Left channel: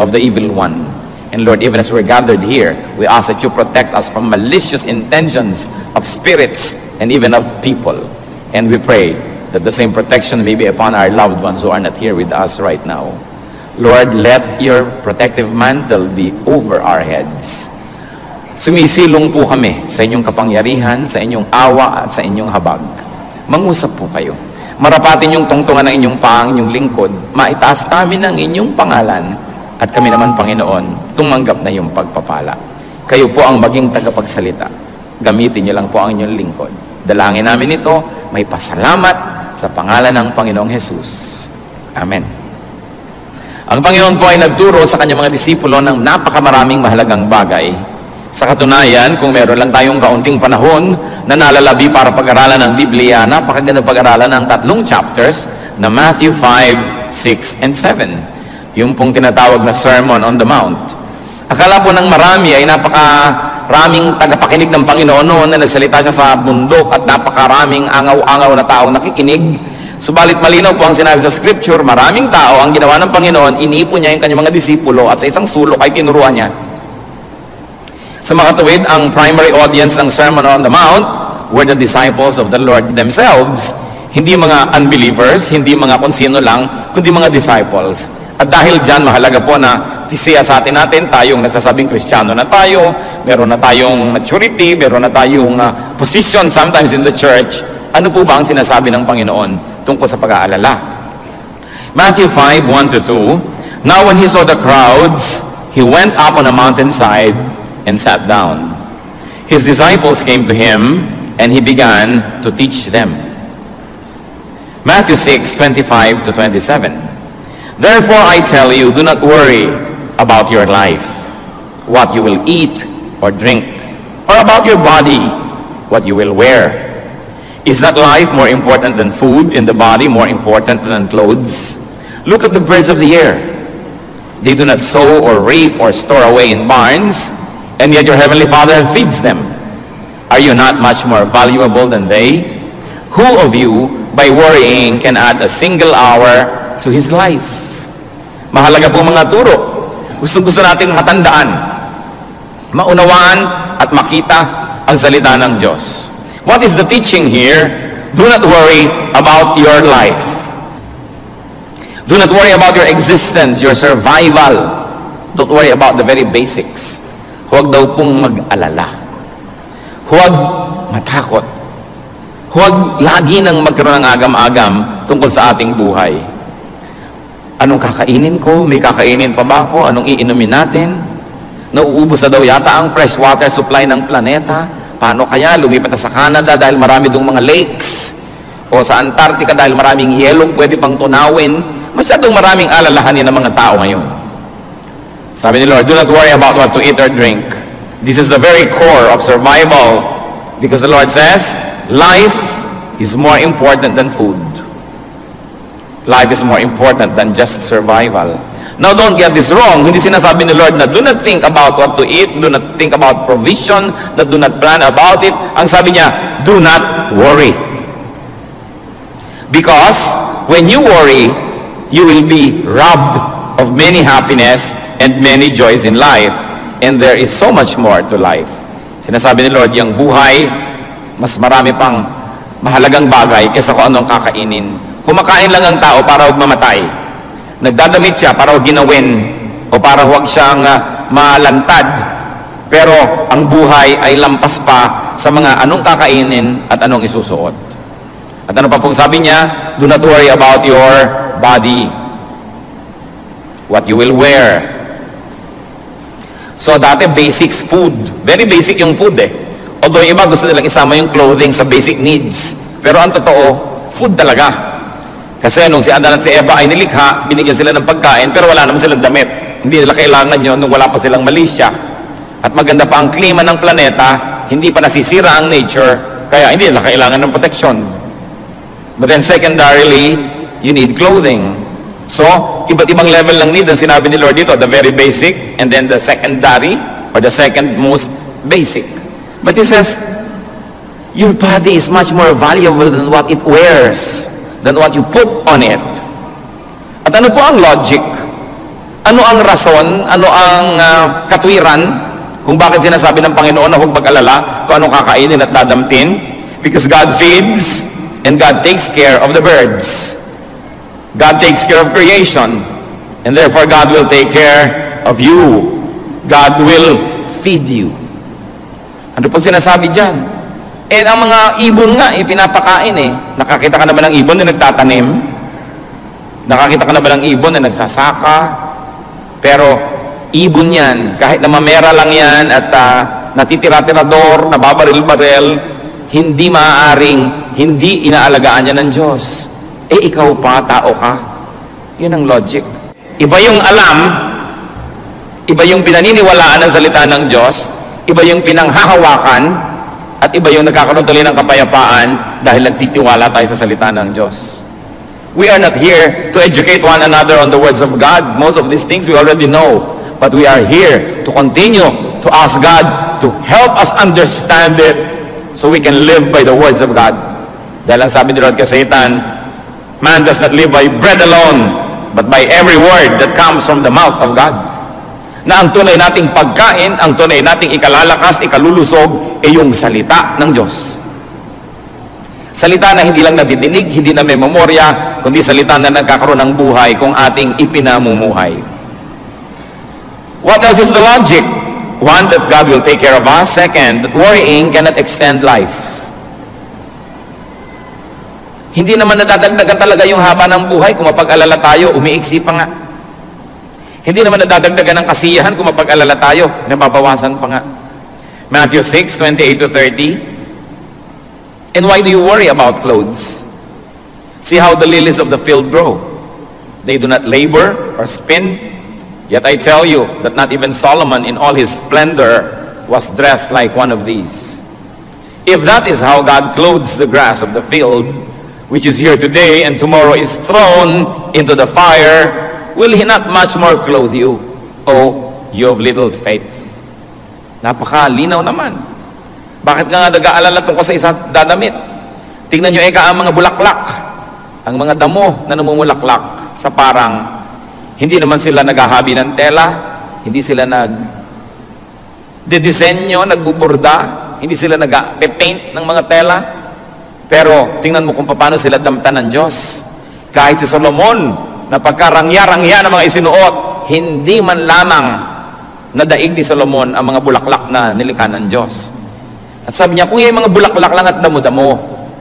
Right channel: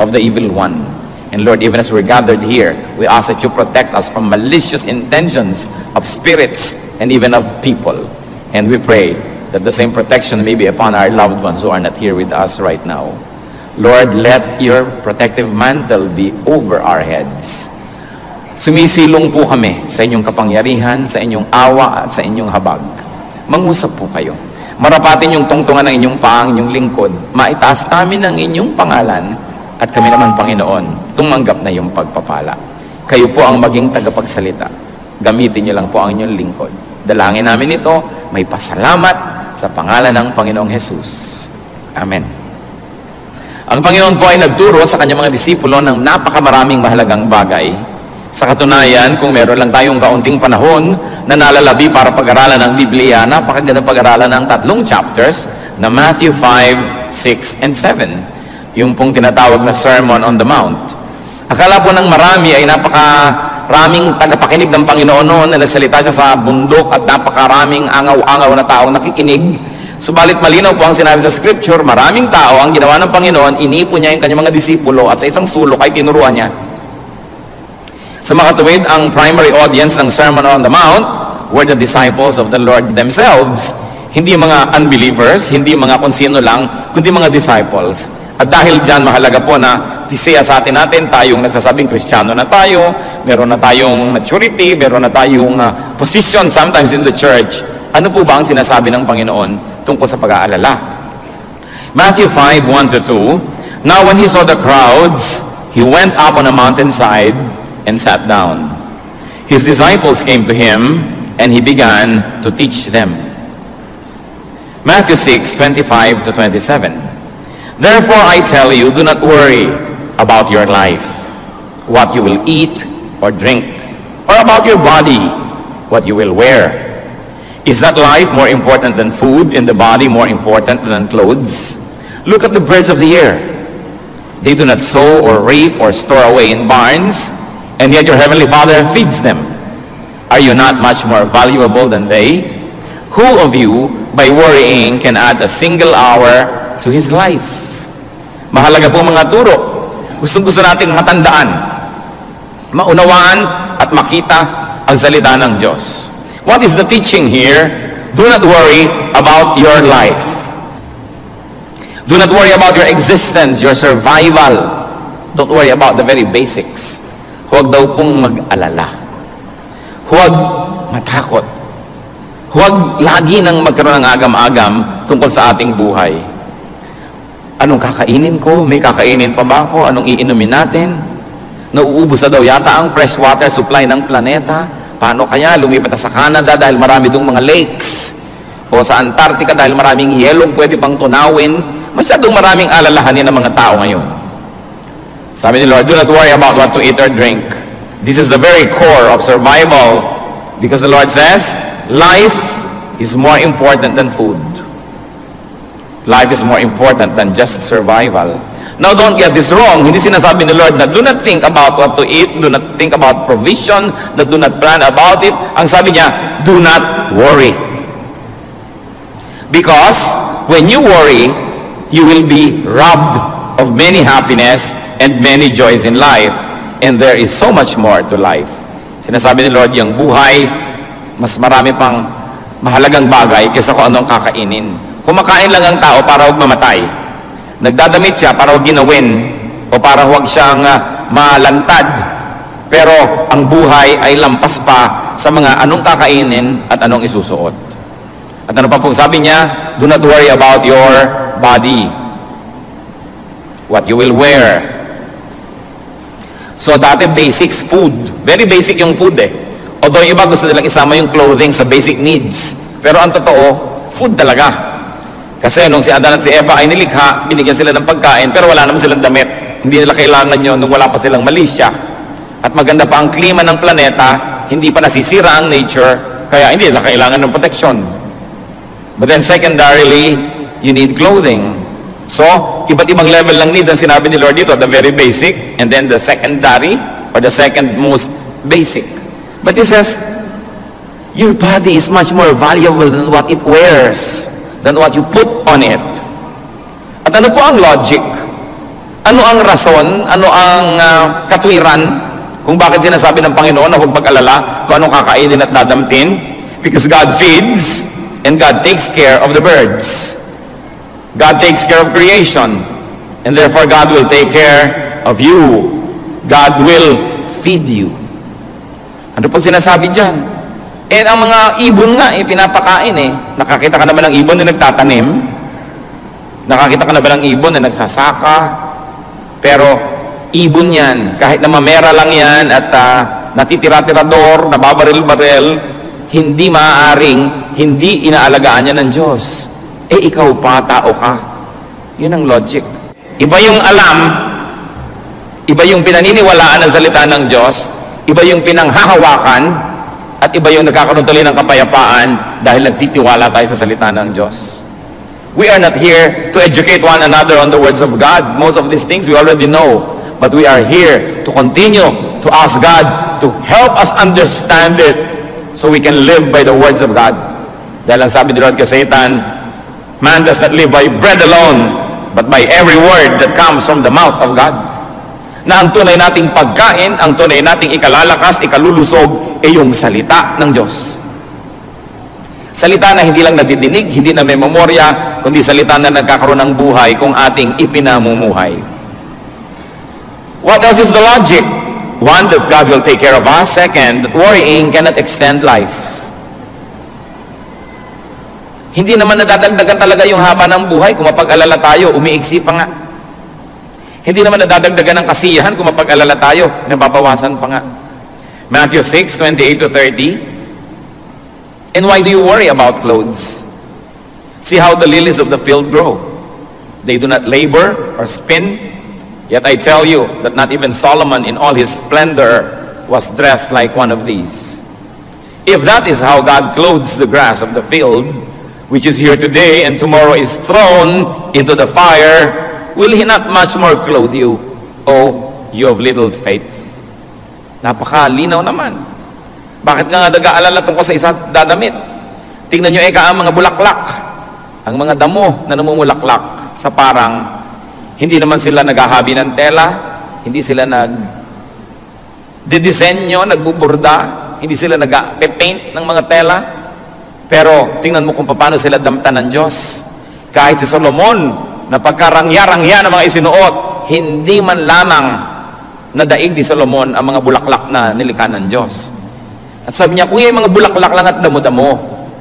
of the evil one. And Lord, even as we're gathered here, we ask that you protect us from malicious intentions of spirits and even of people. And we pray that the same protection may be upon our loved ones who are not here with us right now. Lord, let your protective mantle be over our heads. Sumisilong po kami sa inyong kapangyarihan, sa inyong awa at sa inyong habag. Mangusap po kayo. Marapatin yung tungtungan ng inyong paang, inyong lingkod. Maitaas namin ang inyong pangalan at kami naman, Panginoon, tumanggap na yung pagpapala. Kayo po ang maging tagapagsalita. Gamitin niyo lang po ang inyong lingkod. Dalangin namin ito, may pasalamat sa pangalan ng Panginoong Jesus. Amen. Ang Panginoon po ay nagturo sa kanyang mga disipulo ng napakamaraming mahalagang bagay. Sa katunayan, kung meron lang tayong kaunting panahon na nalalabi para pag-aralan ng Biblia, napakagandang pag-aralan ng 3 chapters na Matthew 5, 6, and 7. Yung pong tinatawag na Sermon on the Mount. Akala po ng marami ay napakaraming tagapakinig ng Panginoon noon na nagsalita siya sa bundok at napakaraming angaw-angaw na taong nakikinig. Subalit malinaw po ang sinabi sa Scripture, maraming tao ang ginawa ng Panginoon, inipon niya yung kanyang mga disipulo at sa isang sulok ay tinuruan niya. Sa makatuwid, ang primary audience ng Sermon on the Mount were the disciples of the Lord themselves. Hindi mga unbelievers, hindi mga kung sino lang, kundi mga disciples. At dahil dyan, mahalaga po na tisiya sa atin tayong nagsasabing Kristiyano na tayo, meron na tayong maturity, meron na tayong position sometimes in the church. Ano po ba ang sinasabi ng Panginoon tungkol sa pag-aalala? Matthew 5, 1-2, Now when he saw the crowds, he went up on a mountainside and sat down. His disciples came to him, and he began to teach them. Matthew 6, 25-27, Therefore I tell you, do not worry about your life, what you will eat or drink, or about your body, what you will wear. Is not life more important than food, and the body more important than clothes? Look at the birds of the air. They do not sow or reap or store away in barns, and yet your heavenly Father feeds them. Are you not much more valuable than they? Who of you, by worrying, can add a single hour to his life? Mahalaga po mga turo. Gusto natin matandaan, maunawaan at makita ang salita ng Diyos. What is the teaching here? Do not worry about your life. Do not worry about your existence, your survival. Don't worry about the very basics. Huwag daw pong mag-alala. Huwag matakot. Huwag lagi nang magkaroon ng agam-agam tungkol sa ating buhay. Anong kakainin ko? May kakainin pa ba ako? Anong iinumin natin? Nauubos na daw yata ang fresh water supply ng planeta. Paano kaya? Lumipat na sa Canada dahil marami dong mga lakes. O sa Antarctica dahil maraming yelong pwede pang tunawin. Masyadong maraming alalahanin ng mga tao ngayon. Sabi ni Lord, do not worry about what to eat or drink. This is the very core of survival. Because the Lord says, life is more important than food. Life is more important than just survival. Now, don't get this wrong. Hindi sinasabi ni Lord na do not think about what to eat, do not think about provision, that do not plan about it. Ang sabi niya, do not worry. Because when you worry, you will be robbed of many happiness and many joys in life. And there is so much more to life. Sinasabi ni Lord, yung buhay, mas marami pang mahalagang bagay kaysa kung anong kakainin. Kumakain lang ang tao para huwag mamatay. Nagdadamit siya para huwag ginawin o para huwag siyang malantad. Pero ang buhay ay lampas pa sa mga anong kakainin at anong isusuot. At ano pa pong sabi niya? Do not worry about your body. What you will wear. So dati basics, food. Very basic yung food Although iba gusto nilang isama yung clothing sa basic needs. Pero ang totoo, food talaga. Kasi nung si Adan at si Eva ay nilikha, binigyan sila ng pagkain, pero wala naman silang damit. Hindi nila kailangan yun nung wala pa silang malisya. At maganda pa ang klima ng planeta, hindi pa nasisira ang nature, kaya hindi nila kailangan ng protection. But then secondarily, you need clothing. So, iba't ibang level ng need ang sinabi ni Lord dito, the very basic, and then the secondary, or the second most basic. But He says, your body is much more valuable than what it wears, than what you put on it. At ano po ang logic? Ano ang rason, ano ang katwiran kung bakit sinasabi ng Panginoon na huwag pag-alala kung anong kakainin at dadamtin? Because God feeds and God takes care of the birds. God takes care of creation, and therefore God will take care of you. God will feed you. Ano po sinasabi dyan? Ang mga ibon nga, pinapakain Nakakita ka na ba ng ibon na nagtatanim? Nakakita ka na ba ng ibon na nagsasaka? Pero, ibon yan. Kahit na mamera lang yan at natitira-tirador, nababaril-baril, hindi maaaring, hindi inaalagaan yan ng Diyos. Ikaw pa, tao ka. Yun ang logic. Iba yung alam, iba yung pinaniniwalaan ng salita ng Diyos, iba yung pinanghahawakan, at iba yung nagkakaroon tuloy ng kapayapaan dahil nagtitiwala tayo sa salita ng Diyos. We are not here to educate one another on the words of God. Most of these things we already know. But we are here to continue to ask God to help us understand it so we can live by the words of God. Dahil ang sabi ni Lord kay Satan, man does not live by bread alone, but by every word that comes from the mouth of God. Na ang tunay nating pagkain, ang tunay nating ikalalakas, ikalulusog, ay yung salita ng Diyos. Salita na hindi lang nadidinig, hindi na may memorya, kundi salita na nagkakaroon ng buhay kung ating ipinamumuhay. What else is the logic? One, that God will take care of us. Second, that worrying cannot extend life. Hindi naman nadadagdagan talaga yung haba ng buhay kung mapag-alala tayo, umiiksi pa nga. Hindi naman nadadagdagan ng kasiyahan kung mapag-alala tayo, nababawasan pa nga. Matthew 6:28-30. And why do you worry about clothes? See how the lilies of the field grow. They do not labor or spin. Yet I tell you that not even Solomon in all his splendor was dressed like one of these. If that is how God clothes the grass of the field, which is here today and tomorrow is thrown into the fire, will He not much more clothe you, O you of little faith? Napakalinaw naman. Bakit nga nag-aalala tungkol sa isang dadamit? Tingnan nyo ang mga bulaklak, ang mga damo na namumulaklak sa parang, hindi naman sila naghahabi ng tela, hindi sila nagdidisenyo, nagbuburda, hindi sila nag-paint ng mga tela. Pero tingnan mo kung paano sila damtan ng Diyos. Kahit si Solomon, na pagkarangya-rangya ng mga isinuot, hindi man lamang nadaig ni Solomon ang mga bulaklak na nilikha ng Diyos. At sabi niya, kung yung mga bulaklak lang at damo-damo,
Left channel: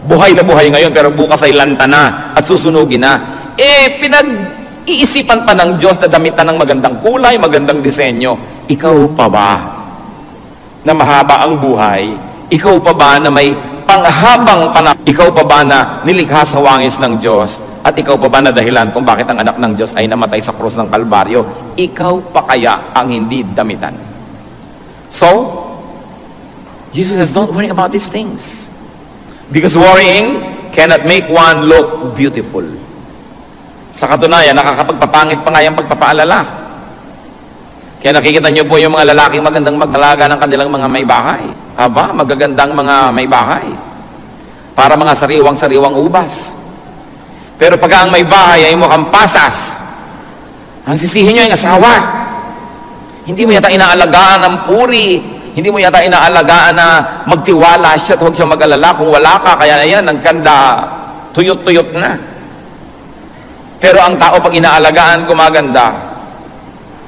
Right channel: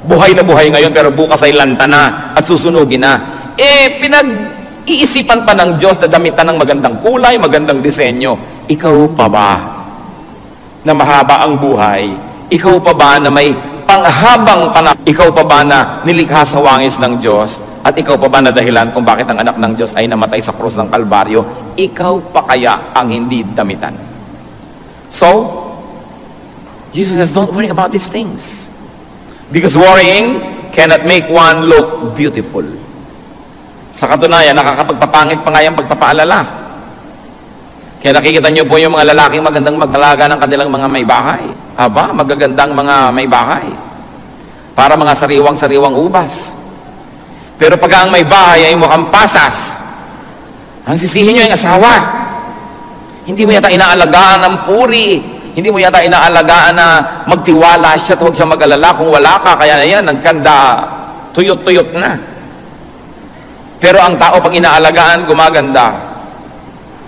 buhay na buhay ngayon pero bukas ay lanta na at susunugin na. Pinag-iisipan pa ng Diyos na damitan ng magandang kulay, magandang disenyo. Ikaw pa ba na mahaba ang buhay? Ikaw pa ba na may panghabang panahon? Ikaw pa ba na nilikha sa wangis ng Diyos? At ikaw pa ba na dahilan kung bakit ang anak ng Diyos ay namatay sa krus ng Kalbaryo? Ikaw pa kaya ang hindi damitan? So, Jesus says, don't worry about these things. Because worrying cannot make one look beautiful. Sa katunayan, nakakapagpapangit pa nga yung pagpapaalala. Kaya nakikita niyo po yung mga lalaking magandang mag-alaga ng kanilang mga may bahay. Aba, magagandang mga may bahay. Para mga sariwang-sariwang ubas. Pero pag ang may bahay ay mukhang pasas, ang sisihin nyo yung asawa. Hindi mo yata inaalagaan ng puri. Hindi mo yata inaalagaan na magtiwala siya at huwag siya mag-alala. Kung wala ka, kaya ayan, nagkanda, tuyot-tuyot na. Pero ang tao pag inaalagaan, gumaganda.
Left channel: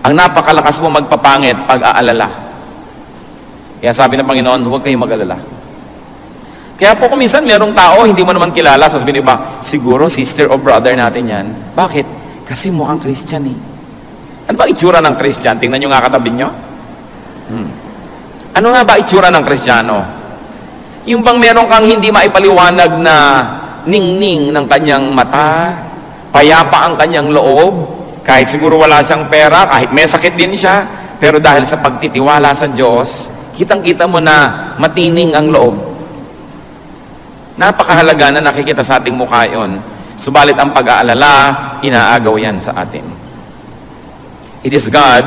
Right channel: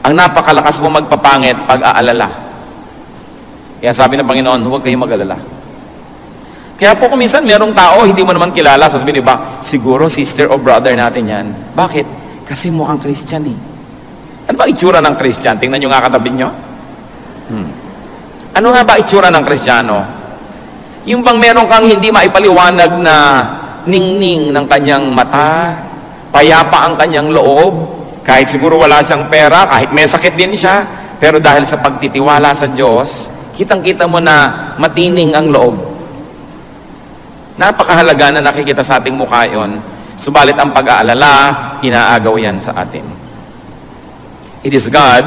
Ang napakalakas mo magpapangit pag-aalala. Kaya sabi ng Panginoon, huwag kayong mag-alala. Kaya po kung minsan merong tao, hindi mo naman kilala, sasabihin ba, siguro sister o brother natin yan. Bakit? Kasi mukhang Christian eh. Ano ba itsura ng Christian? Tingnan nyo nga katabi nyo. Ano nga ba itsura ng Kristiyano? Yung bang meron kang hindi maipaliwanag na ningning ng kanyang mata, payapa ang kanyang loob, kahit siguro wala siyang pera, kahit may sakit din siya, pero dahil sa pagtitiwala sa Diyos, kitang-kita mo na matining ang loob. Napakahalaga na nakikita sa ating mukha yun. Subalit ang pag-aalala, inaagaw yan sa atin. It is God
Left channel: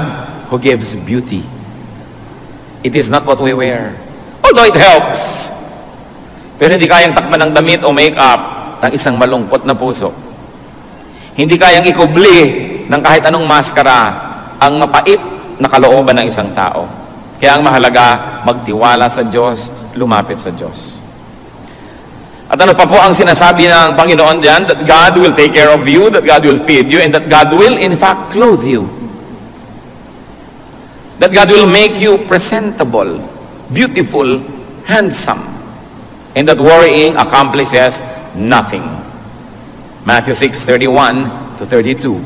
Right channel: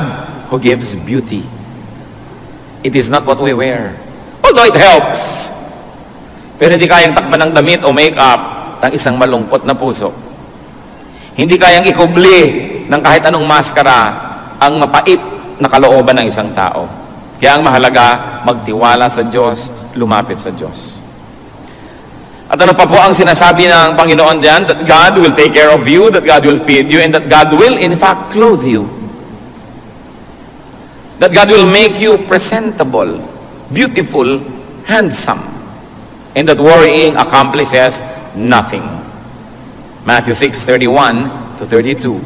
who gives beauty. It is not what we wear. Although it helps. Pero hindi kayang takpan ng damit o make-up ng isang malungkot na puso. Hindi kayang ikubli ng kahit anong maskara ang mapait na kalooban ng isang tao. Kaya ang mahalaga, magtiwala sa Diyos, lumapit sa Diyos. At ano pa po ang sinasabi ng Panginoon diyan? That God will take care of you, that God will feed you, and that God will in fact clothe you. That God will make you presentable, beautiful, handsome, and that worrying accomplishes nothing. Matthew 6:31 to 32.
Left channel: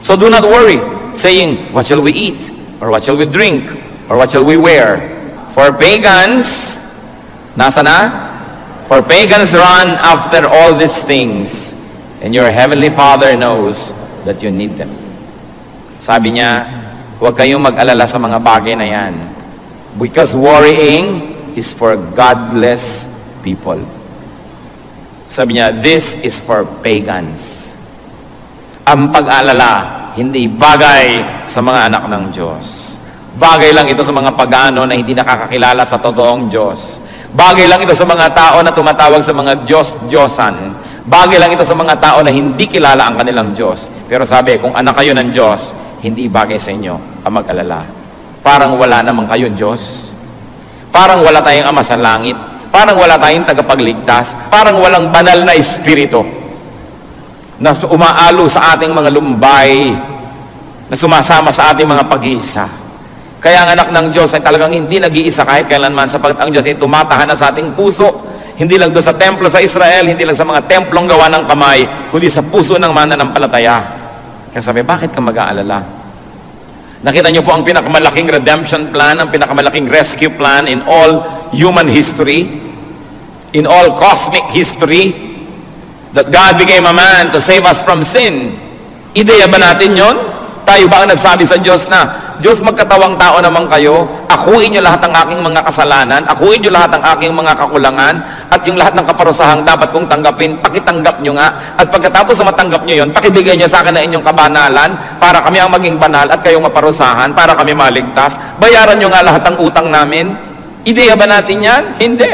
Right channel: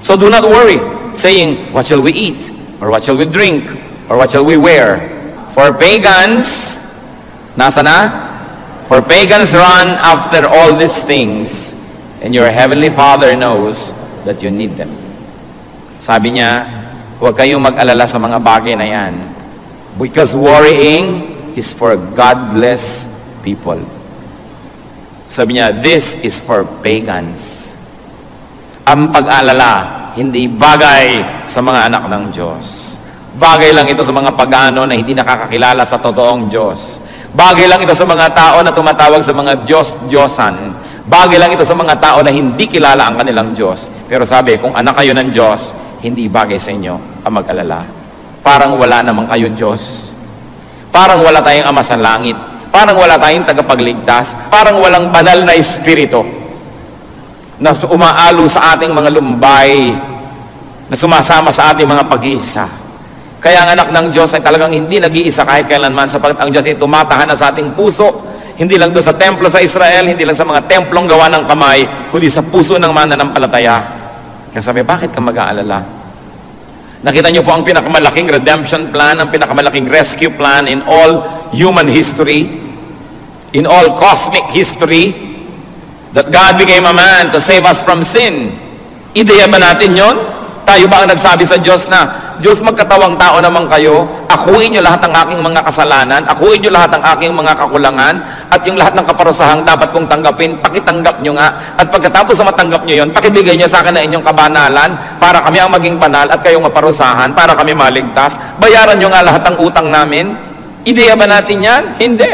So do not worry, saying, what shall we eat? Or what shall we drink? Or what shall we wear? For pagans, nasa na? For pagans run after all these things, and your heavenly Father knows that you need them. Sabi niya, huwag kayong mag-alala sa mga bagay na yan. Because worrying is for godless people. Sabi niya, this is for pagans. Ang pag-alala, hindi bagay sa mga anak ng Diyos. Bagay lang ito sa mga pagano na hindi nakakakilala sa totoong Diyos. Bagay lang ito sa mga tao na tumatawag sa mga Diyos-Diyosan. Bagay lang ito sa mga tao na hindi kilala ang kanilang Diyos. Pero sabi, kung anak kayo ng Diyos, hindi bagay sa inyo ang mag-alala. Parang wala naman kayo Diyos. Parang wala tayong Ama sa langit. Parang wala tayong tagapagligtas. Parang walang banal na espiritu na umaalo sa ating mga lumbay, na sumasama sa ating mga pag-iisa. Kaya ang anak ng Diyos ay talagang hindi nag-iisa kahit kailanman, sapagkat ang Diyos ay tumatahanan sa ating puso, hindi lang doon sa templo sa Israel, hindi lang sa mga templong gawa ng kamay, kundi sa puso ng mananampalataya. Kaya sabi, bakit ka mag-aalala? Nakita niyo po ang pinakamalaking redemption plan, ang pinakamalaking rescue plan in all human history, in all cosmic history, that God became a man to save us from sin. Ideya ba natin yon? Tayo ba ang nagsabi sa Diyos na, Diyos, magkatawang tao naman kayo, akuin niyo lahat ng aking mga kasalanan, akuin niyo lahat ng aking mga kakulangan, at yung lahat ng kaparusahang dapat kong tanggapin, pakitanggap niyo nga, at pagkatapos sa matanggap niyo yon, pakibigay niyo sa akin na inyong kabanalan, para kami ang maging banal, at kayong maparusahan, para kami maligtas. Bayaran niyo nga lahat ng utang namin. Ideya ba natin yan? Hindi.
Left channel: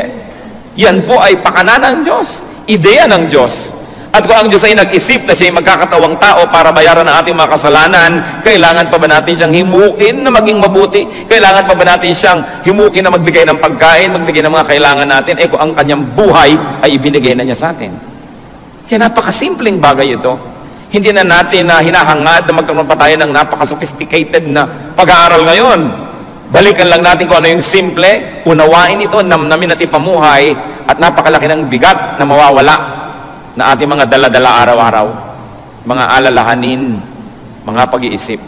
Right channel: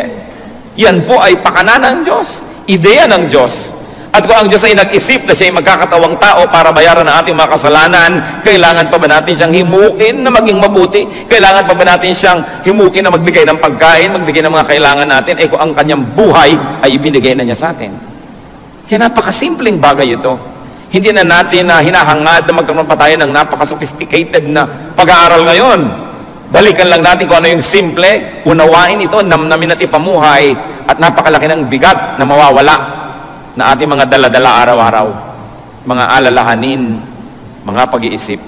Yan po ay pakana ng Diyos. Ideya ng Diyos. At kung ang Diyos ay nag-isip na siya ay magkakatawang tao para bayaran ang ating mga kasalanan, kailangan pa ba natin siyang himukin na maging mabuti? Kailangan pa ba natin siyang himukin na magbigay ng pagkain, magbigay ng mga kailangan natin? Eh kung ang kanyang buhay ay ibinigay na niya sa atin. Kaya napakasimpleng bagay ito. Hindi na natin na hinahangad na magkaroon pa tayo ng napaka-sophisticated na pag-aaral ngayon. Balikan lang natin kung ano yung simple, unawain ito, namnamin at ipamuhay, at napakalaki ng bigat na mawawala na ating mga dala-dala araw-araw, mga alalahanin, mga pag-iisip.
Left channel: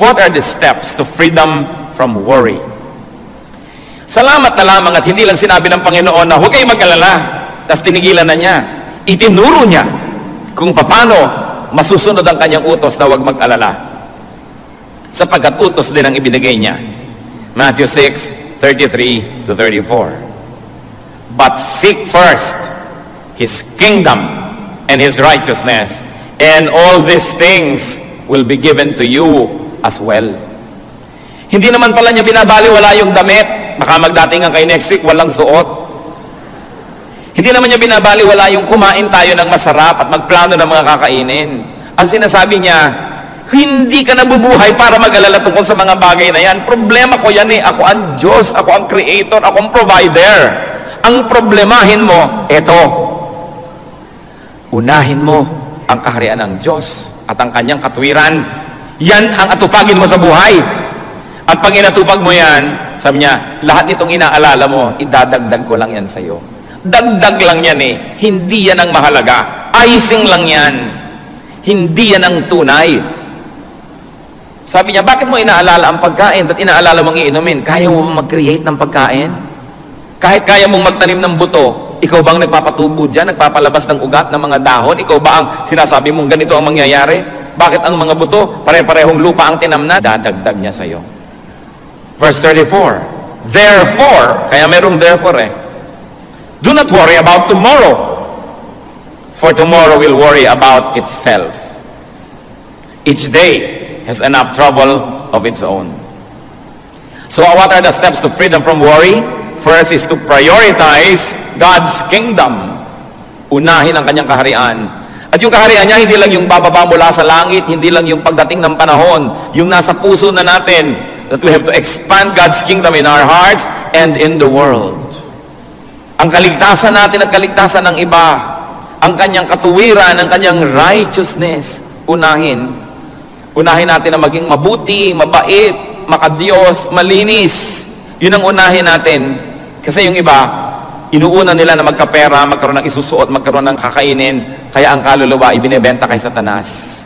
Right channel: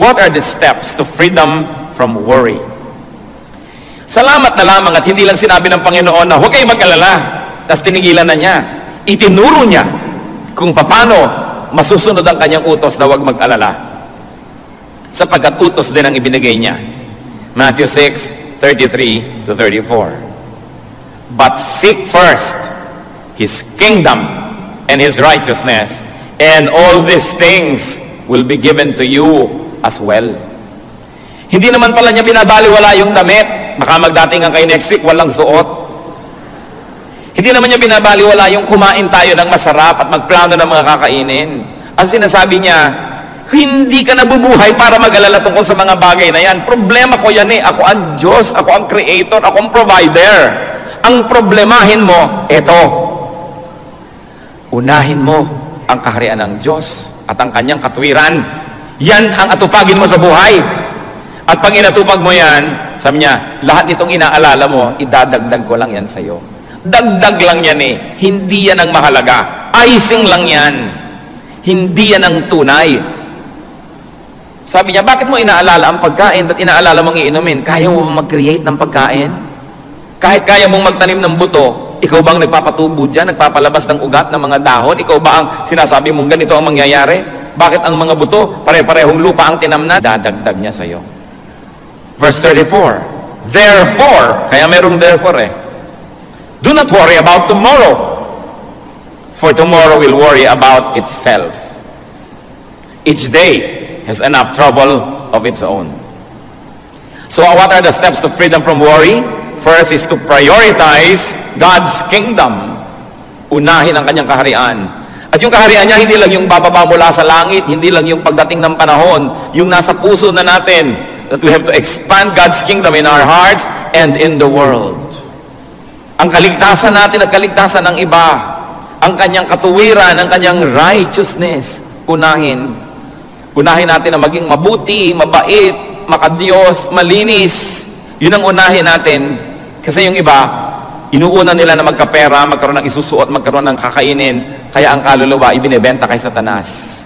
What are the steps to freedom from worry? Salamat na lamang at hindi lang sinabi ng Panginoon na huwag kayong mag-alala, tapos tinigilan na niya. Itinuro niya kung paano masusunod ang kanyang utos na huwag mag-alala. Sapagkat utos din ang ibinigay niya. Matthew 6:33 to 34. But seek first His kingdom and His righteousness, and all these things will be given to you as well. Hindi naman pala niya binabaliwala yung damit. Baka magdatingan kayo next week, walang suot. Hindi naman niya binabaliwala yung kumain tayo ng masarap at magplano ng mga kakainin. Ang sinasabi niya, hindi ka nabubuhay para mag-alala tungkol sa mga bagay na yan. Problema ko yan eh. Ako ang Diyos, ako ang Creator, ako ang Provider. Ang problemahin mo, eto. Unahin mo ang kaharian ng Diyos at ang kanyang katuwiran. Yan ang atupagin mo sa buhay. At pag inatupag mo yan, sabi niya, lahat itong inaalala mo, idadagdag ko lang yan sa iyo. Dagdag lang yan eh. Hindi yan ang mahalaga. Icing lang yan. Hindi yan ang tunay. Sabi niya, bakit mo inaalala ang pagkain? Ba't inaalala mong iinumin? Kaya mo mag-create ng pagkain? Kahit kaya mong magtanim ng buto, ikaw ba ang nagpapatubo dyan, nagpapalabas ng ugat ng mga dahon? Ikaw ba ang sinasabi mong ganito ang mangyayari? Bakit ang mga buto, pare-parehong lupa ang tinamnan? Dadagdag niya sa iyo. Verse 34, therefore, kaya merong therefore eh, do not worry about tomorrow, for tomorrow will worry about itself. Each day has enough trouble of its own. So what are the steps to freedom from worry? First is to prioritize God's kingdom. Unahin ang kanyang kaharian. At yung kaharian niya, hindi lang yung bababa mula sa langit, hindi lang yung pagdating ng panahon, yung nasa puso na natin, that we have to expand God's kingdom in our hearts and in the world. Ang kaligtasan natin at kaligtasan ng iba, ang kanyang katuwiran, ang kanyang righteousness, unahin natin na maging mabuti, mabait, makadiyos, malinis. Yun ang unahin natin. Kasi yung iba, inuuna nila na magkapera, magkaroon ng isusuot, magkaroon ng kakainin, kaya ang kaluluwa ibinebenta kay Satanas.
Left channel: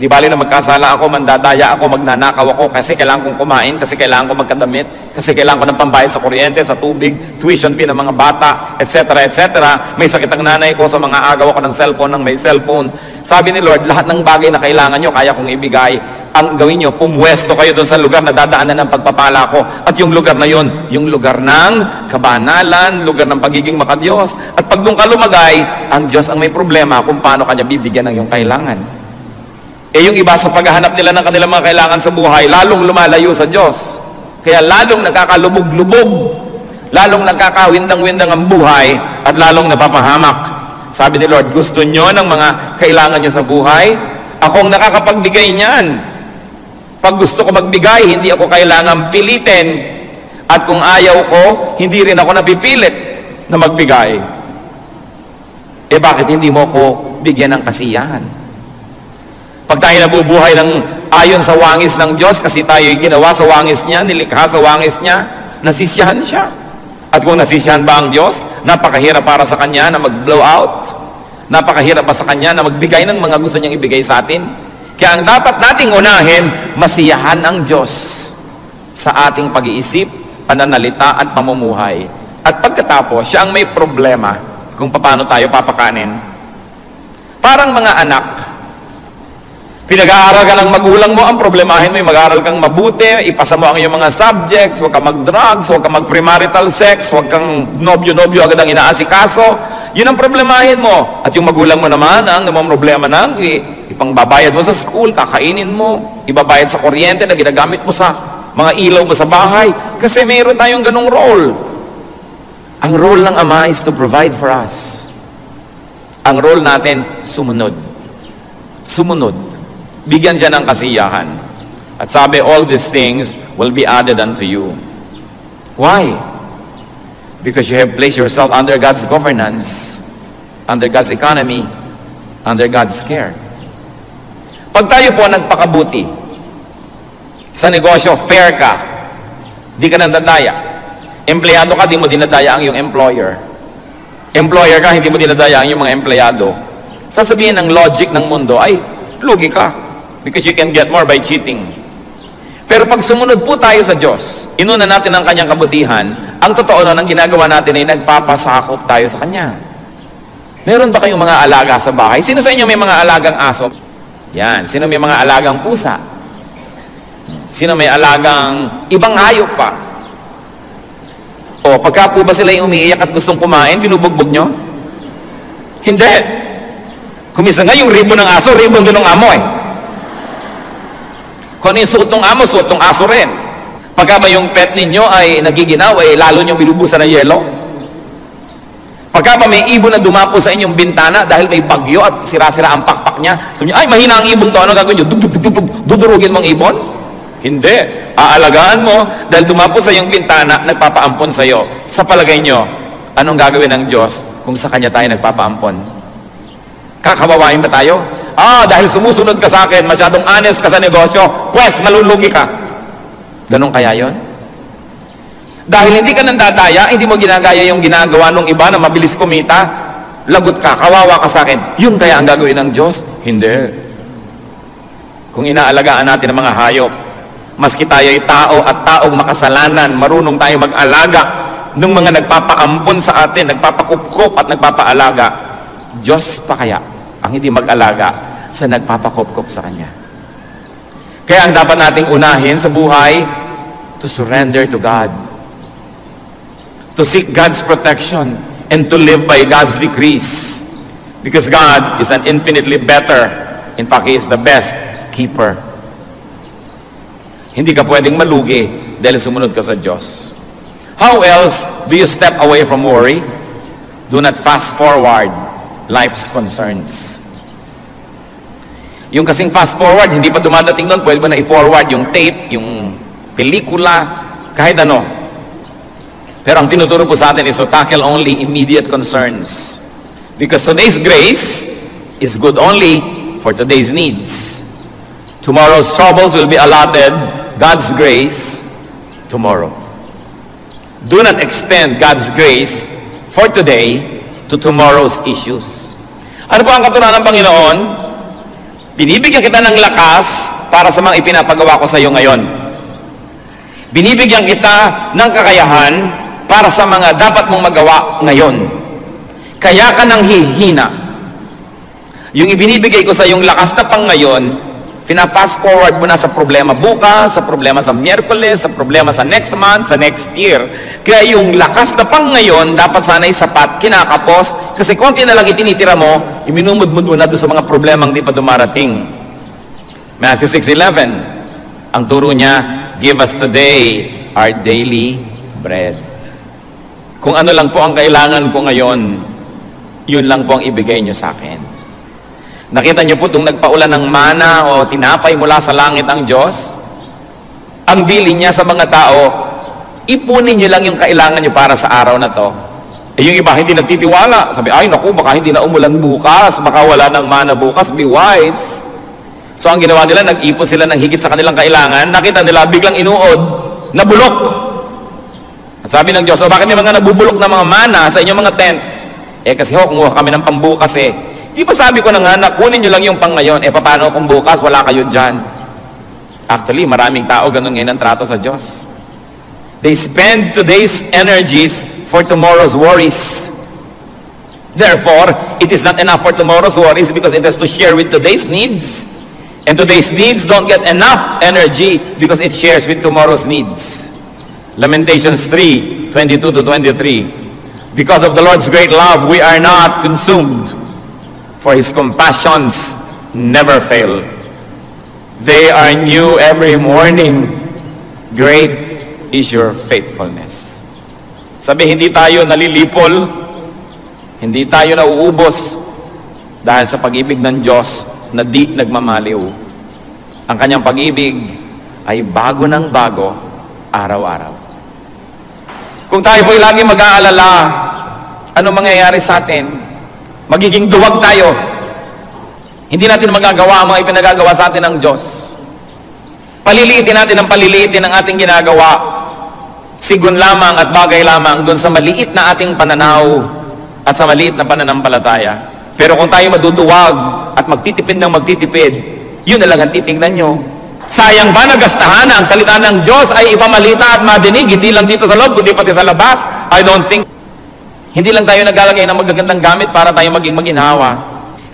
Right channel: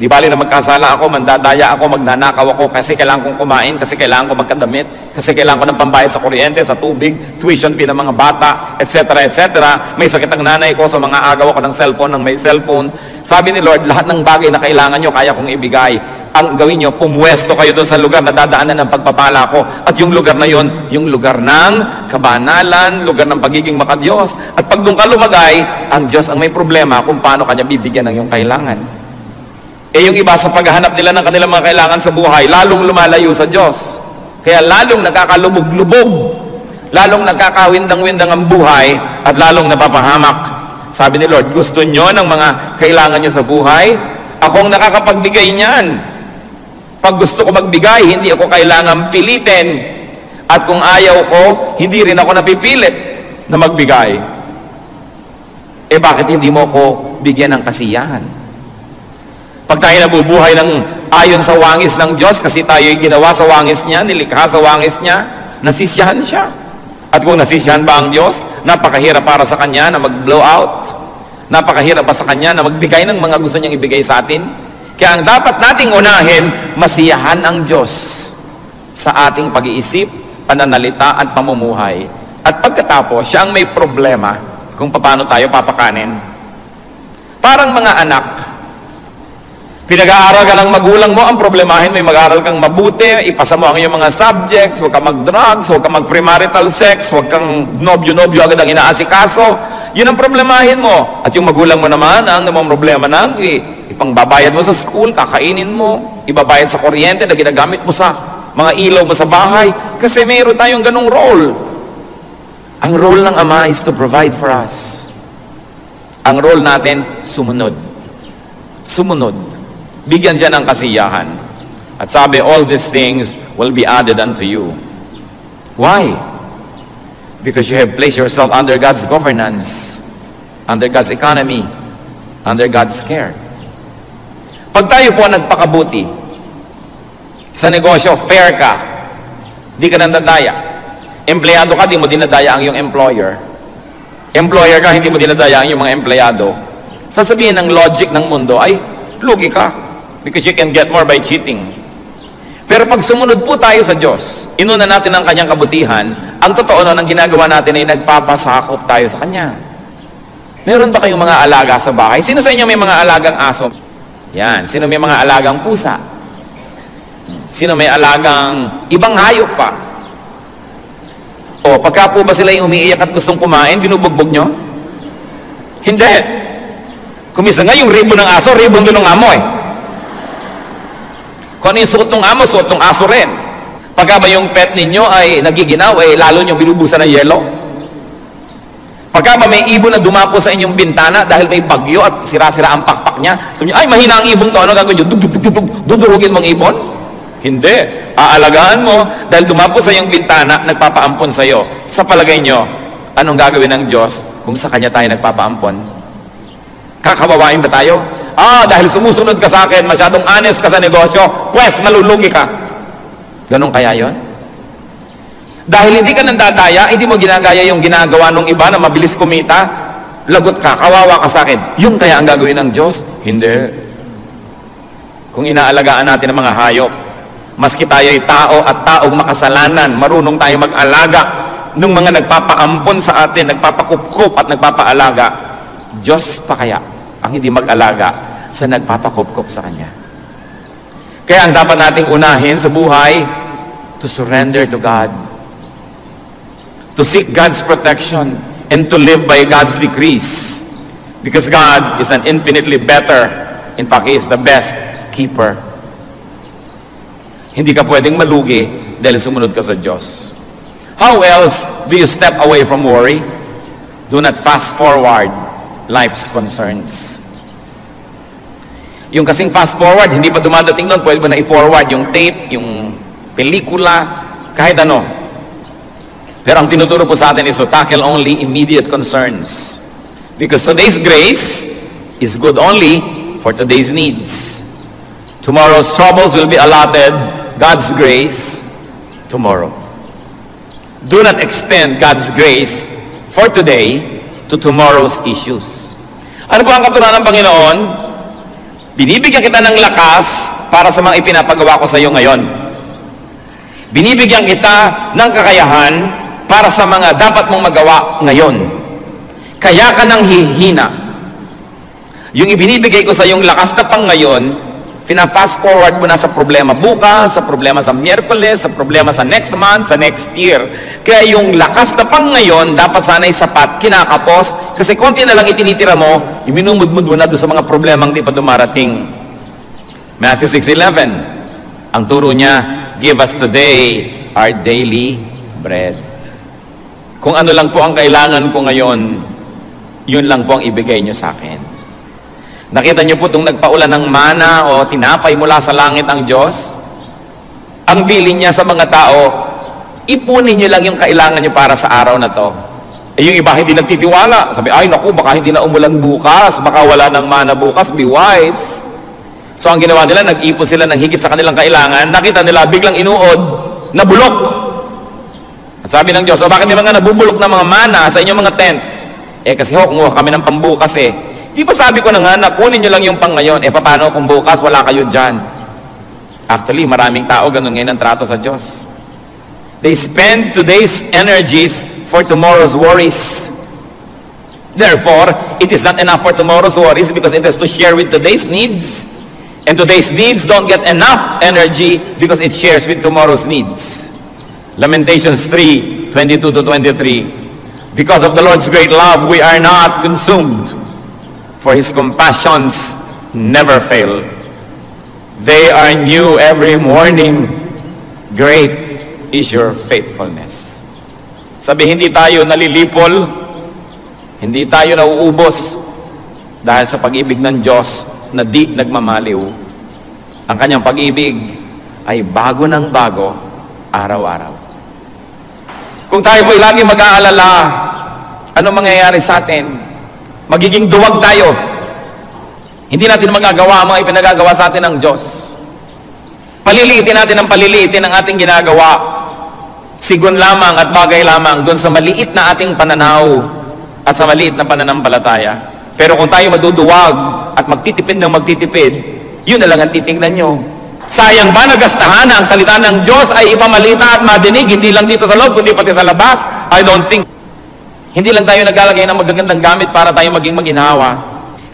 Di bali na magkasala ako, mandadaya ako, magnanakaw ako kasi kailangan kong kumain, kasi kailangan ko magkadamit, kasi kailangan ko ng pambayad sa kuryente, sa tubig, tuition fee ng mga bata, etc. etc. May sakit ang nanay ko, sa mga agaw ako ng cellphone, ng may cellphone. Sabi ni Lord, lahat ng bagay na kailangan nyo, kaya kong ibigay. Ang gawin nyo, pumwesto kayo doon sa lugar na dadaanan ng pagpapala ko. At yung lugar na yon, yung lugar ng kabanalan, lugar ng pagiging makadiyos. At pag doon ka lumagay, ang Diyos ang may problema kung paano kanya bibigyan ng iyong kailangan. Eh yung iba sa paghahanap nila ng kanilang mga kailangan sa buhay, lalong lumalayo sa Diyos. Kaya lalong nagkakalubog-lubog, lalong nagkakawindang-windang ang buhay, at lalong napapahamak. Sabi ni Lord, gusto nyo ng mga kailangan nyo sa buhay? Akong nakakapagbigay niyan. Pag gusto ko magbigay, hindi ako kailangan pilitin. At kung ayaw ko, hindi rin ako napipilit na magbigay. Eh bakit hindi mo ko bigyan ng kasiyahan? Pag tayo nabubuhay ng ayon sa wangis ng Diyos, kasi tayo ginawa sa wangis niya, nilikha sa wangis niya, nasisiyahan siya. At kung nasisiyahan ba ang Diyos, napakahirap para sa Kanya na mag-blow out. Napakahirap pa sa Kanya na magbigay ng mga gusto niyang ibigay sa atin. Kaya ang dapat nating unahin, masiyahan ang Diyos sa ating pag-iisip, pananalita at pamumuhay. At pagkatapos, siya ang may problema kung paano tayo papakanin. Parang mga anak, pinag-aaral ka ng magulang mo, ang problemahin mo, mag-aaral kang mabuti, ipasa mo ang iyong mga subjects, huwag kang mag-drugs, huwag kang mag-premarital sex, huwag kang nobyo-nobyo agad ang inaasikaso. Yun ang problemahin mo. At yung magulang mo naman, ang namang problema na, ipangbabayad mo sa school, kakainin mo, ibabayad sa kuryente na ginagamit mo sa mga ilaw mo sa bahay. Kasi mayroon tayong ganong role. Ang role ng Ama is to provide for us. Ang role natin, sumunod. Sumunod. Bigyan siya ng kasiyahan. At sabi, all these things will be added unto you. Why? Because you have placed yourself under God's governance, under God's economy, under God's care. Pag tayo po nagpakabuti, sa negosyo, fair ka, di ka nandadaya. Empleyado ka, di mo dinadaya ang iyong employer. Employer ka, hindi mo dinadaya ang iyong mga empleyado. Sasabihin ng logic ng mundo, ay, lugi ka. Because you can get more by cheating. Pero pag sumunod po tayo sa Diyos, inuna natin ang Kanyang kabutihan, ang totoo nun, ang ginagawa natin ay nagpapasakop tayo sa Kanya. Meron ba kayong mga alaga sa bahay? Sino sa inyo may mga alagang aso? Yan. Sino may mga alagang pusa? Sino may alagang ibang hayop pa? O, pagka po ba sila yung umiiyak at gustong kumain, binubugbog nyo? Hindi. Kumisa nga yung ribbon ng aso, ribbon din ng amo eh. Kung ano yung suot ng amo, suot ng aso rin. Pagka ba yung pet ninyo ay nagiginaw, eh, lalo nyo binubusan ng yelo? Pagka ba may ibon na dumapo sa inyong bintana dahil may bagyo at sira-sira ang pakpak niya, sabi nyo, ay, mahina ang ibon to, ano gagawin nyo? Dudurugin mong ibon? Hindi. Aalagaan mo dahil dumapo sa iyong bintana, nagpapaampon sa iyo. Sa palagay nyo, anong gagawin ng Diyos kung sa Kanya tayo nagpapaampon? Kakawawain ba tayo? Dahil sumusunod ka sa akin, masyadong honest ka sa negosyo, pues malulugi ka. Ganon kaya yon? Dahil hindi ka nandadaya, hindi mo ginagaya yung ginagawa ng iba na mabilis kumita, lagot ka, kawawa ka sa akin. Yun kaya ang gagawin ng Diyos? Hindi. Kung inaalagaan natin ang mga hayop, maski tayo ay tao at taong makasalanan, marunong tayo mag-alaga ng mga nagpapaampon sa atin, nagpapakupkup at nagpapaalaga, Diyos pa kaya ang hindi mag-alaga sa nagpapakupkup sa Kanya. Kaya ang dapat nating unahin sa buhay, to surrender to God, to seek God's protection, and to live by God's decrees. Because God is an infinitely better, in fact, He is the best keeper. Hindi ka pwedeng malugi dahil sumunod ka sa Diyos. How else do you step away from worry? Do not fast forward life's concerns. Yung kasing fast forward, hindi pa dumadating doon, pwede mo na i-forward yung tape, yung pelikula, kahit ano. Pero ang tinuturo po sa atin is to tackle only immediate concerns. Because today's grace is good only for today's needs. Tomorrow's troubles will be allotted God's grace tomorrow. Do not extend God's grace for today to tomorrow's issues. Ano po ang katuruan ng Panginoon? Binibigyan kita ng lakas para sa mga ipinapagawa ko sa iyo ngayon. Binibigyan kita ng kakayahan para sa mga dapat mong magawa ngayon. Kaya ka nang hihina. Yung ibinibigay ko sa iyong lakas na pang ngayon, fast forward mo na sa problema bukas, sa problema sa Miyerkules, sa problema sa next month, sa next year. Kaya yung lakas na pang ngayon, dapat sana'y sapat, kinakapos, kasi konti na lang itinitira mo, iminumudmud mo na doon sa mga problemang di pa dumarating. Matthew 6:11, ang turo niya, give us today our daily bread. Kung ano lang po ang kailangan ko ngayon, yun lang po ang ibigay niyo sa akin. Nakita niyo po itong nagpaulan ng mana o tinapay mula sa langit ang Diyos? Ang bilin niya sa mga tao, ipunin niyo lang yung kailangan niyo para sa araw na to. Eh yung iba hindi nagtitiwala. Sabi, ay naku, baka hindi na umulan bukas, baka wala ng mana bukas, be wise. So ang ginawa nila, nag-ipon sila ng higit sa kanilang kailangan. Nakita nila, biglang inuod, nabulok. At sabi ng Diyos, o bakit may mga nabubulok na mga mana sa inyong mga tent? Eh kasi kumuha kami ng pambukas eh. Di ba sabi ko na nga, kunin nyo lang yung pang ngayon, eh paano kung bukas, wala kayo dyan? Actually, maraming tao ganun ngayon ang trato sa Diyos. They spend today's energies for tomorrow's worries. Therefore, it is not enough for tomorrow's worries because it has to share with today's needs. And today's needs don't get enough energy because it shares with tomorrow's needs. Lamentations 3:22-23. Because of the Lord's great love, we are not consumed. For His compassions never fail. They are new every morning. Great is your faithfulness. Sabi, hindi tayo nalilipol, hindi tayo nauubos dahil sa pag-ibig ng Diyos na di nagmamaliw. Ang kanyang pag-ibig ay bago ng bago, araw-araw. Kung tayo po'y lagi mag-aalala, ano mangyayari sa atin? Magiging duwag tayo. Hindi natin magagawa ang mga ipinagagawa sa atin ng Diyos. Paliliitin natin ang paliliitin ng ating ginagawa. Sigon lamang at bagay lamang doon sa maliit na ating pananaw at sa maliit na pananampalataya. Pero kung tayo maduduwag at magtitipid ng magtitipid, yun na lang ang titignan nyo. Sayang ba nagastahan na ang salita ng Diyos ay ipamalita at madinig, hindi lang dito sa loob, kundi pati sa labas? I don't think. Hindi lang tayo naglalagay ng magagandang gamit para tayo maging maginhawa.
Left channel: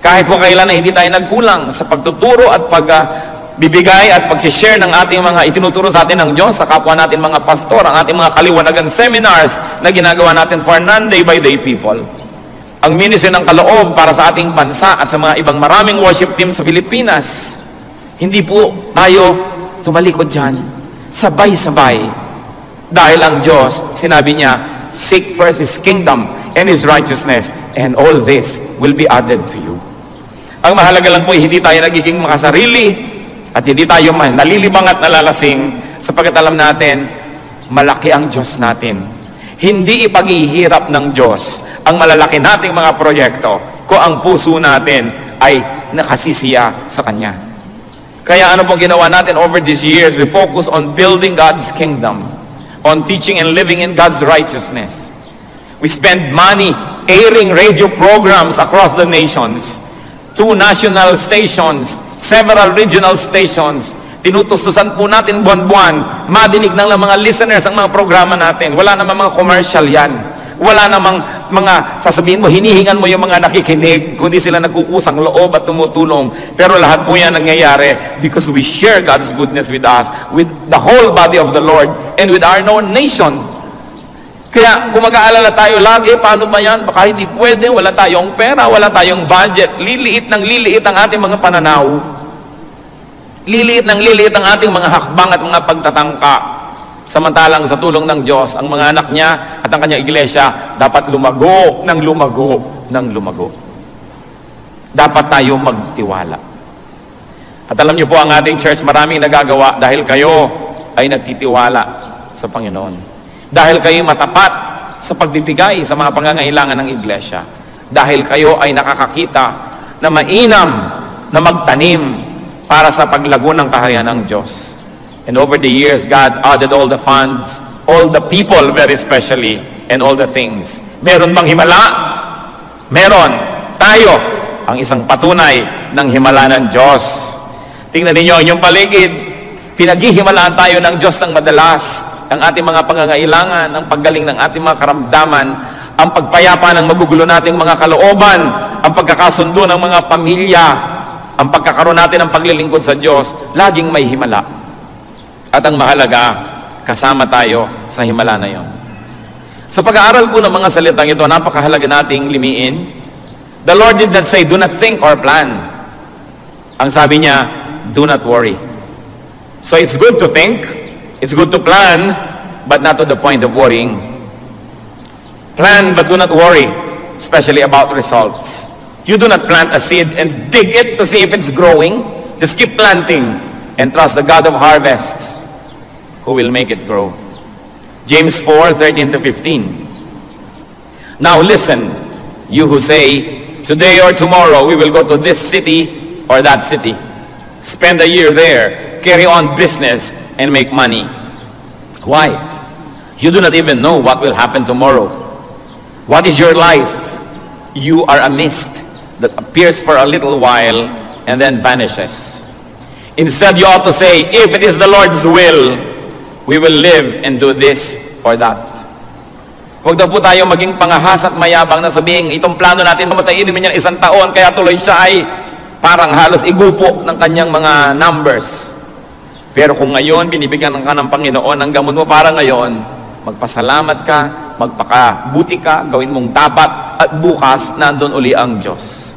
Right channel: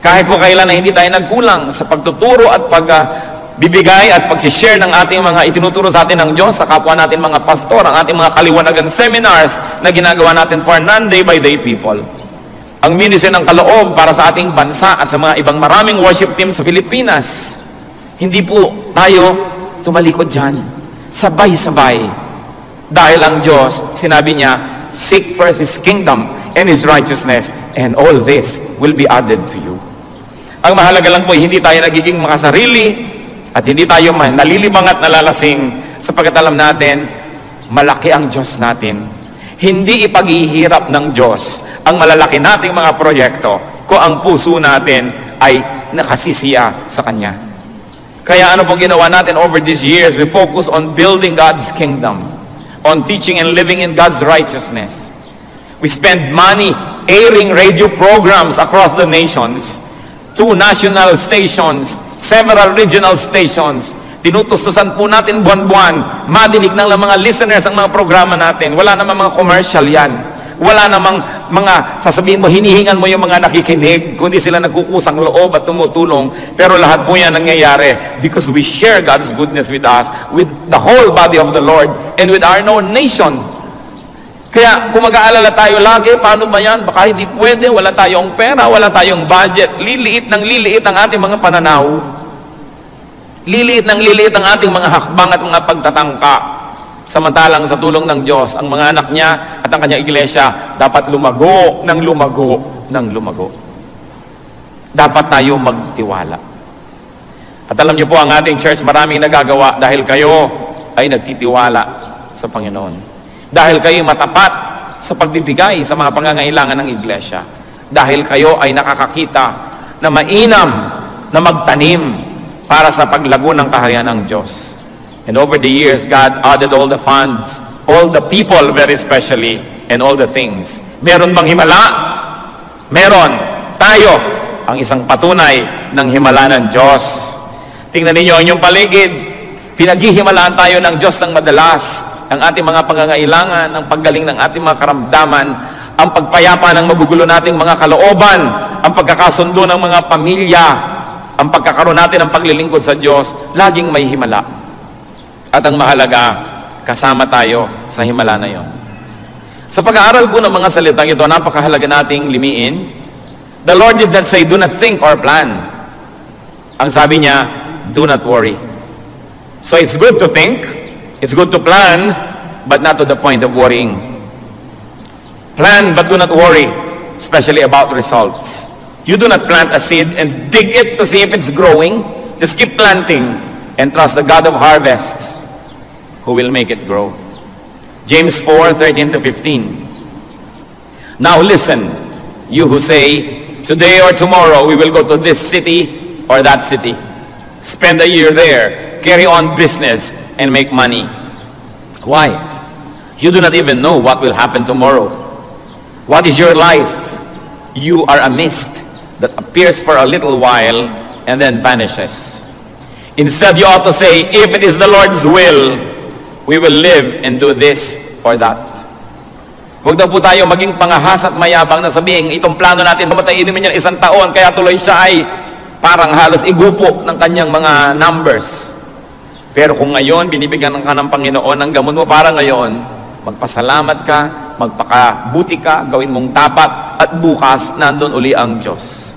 Kahit po kailan na hindi tayo nagkulang sa pagtuturo at pagbibigay at pag-share ng ating mga itinuturo sa atin ng Diyos sa kapwa natin mga pastor, ang ating mga kaliwanagan seminars na ginagawa natin for non-day by day people. Ang ministry ng kaloob para sa ating bansa at sa mga ibang maraming worship team sa Pilipinas. Hindi po tayo tumalikod dyan. Sabay-sabay. Dahil ang Diyos, sinabi niya, seek first His kingdom and His righteousness, and all this will be added to you. Ang mahalaga lang po, hindi tayo nagiging makasarili at hindi tayo nalilibang at nalalasing sapagkat alam natin, malaki ang Diyos natin. Hindi ipaghihirap ng Diyos ang malalaki nating mga proyekto kung ang puso natin ay nakasisiya sa Kanya. Kaya ano pong ginawa natin over these years? We focus on building God's kingdom, on teaching and living in God's righteousness. We spend money airing radio programs across the nations, 2 national stations, several regional stations. Tinutustusan po natin buwan-buwan, madinig ng mga listeners ang mga programa natin. Wala namang mga commercial yan. Wala namang mga, sasabihin mo, hinihingan mo yung mga nakikinig, kundi sila nagkukusang loob at tumutulong. Pero lahat po yan nangyayari because we share God's goodness with us, with the whole body of the Lord, and with our own nation. Kaya kung mag-aalala tayo lagi, paano ba yan? Baka hindi pwede, wala tayong pera, wala tayong budget. Liliit ng liliit ang ating mga pananaw. Liliit ng liliit ang ating mga hakbang at mga pagtatangka. Samantalang sa tulong ng Diyos, ang mga anak niya at ang kanyang iglesia dapat lumago ng lumago ng lumago. dapat tayo magtiwala. At alam niyo po, ang ating church maraming nagagawa dahil kayo ay nagtitiwala sa Panginoon. Dahil kayo matapat sa pagbibigay sa mga pangangailangan ng iglesia. Dahil kayo ay nakakakita na mainam na magtanim para sa paglago ng kaharian ng Diyos. And over the years, God added all the funds, all the people very especially, and all the things. Meron bang himala? Meron. Tayo ang isang patunay ng himala ng Diyos. Tingnan ninyo ang inyong paligid. Pinaghihimalaan tayo ng Diyos ng madalas. Ang ating mga pangangailangan, ang paggaling ng ating mga karamdaman, ang pagpayapa ng magugulo nating mga kalooban, ang pagkakasundo ng mga pamilya, ang pagkakaroon natin ng paglilingkod sa Diyos, laging may himala. At ang mahalaga, kasama tayo sa himala na yon. Sa pag-aaral po ng mga salitang ito, napakahalaga nating limiin. The Lord did not say, do not think or plan. Ang sabi niya, do not worry. So it's good to think, it's good to plan, but not to the point of worrying. Plan, but do not worry, especially about results. You do not plant a seed and dig it to see if it's growing. Just keep planting and trust the God of harvests who will make it grow. James 4:13-15. Now listen, you who say, today or tomorrow we will go to this city or that city. Spend a year there, carry on business, and make money. Why? You do not even know what will happen tomorrow. What is your life? You are a mist that appears for a little while and then vanishes. Instead, you ought to say, if it is the Lord's will, we will live and do this or that. Huwag daw po tayo maging pangahas at mayabang na sabihin, itong plano natin, pamatayin naman yan 1 taon, kaya tuloy siya ay parang halos igupo ng kanyang mga numbers. Pero kung ngayon, binibigyan ka ng Panginoon ng gamot mo para ngayon, magpasalamat ka, magpakabuti ka, gawin mong tapat, at bukas, nandun uli ang Diyos.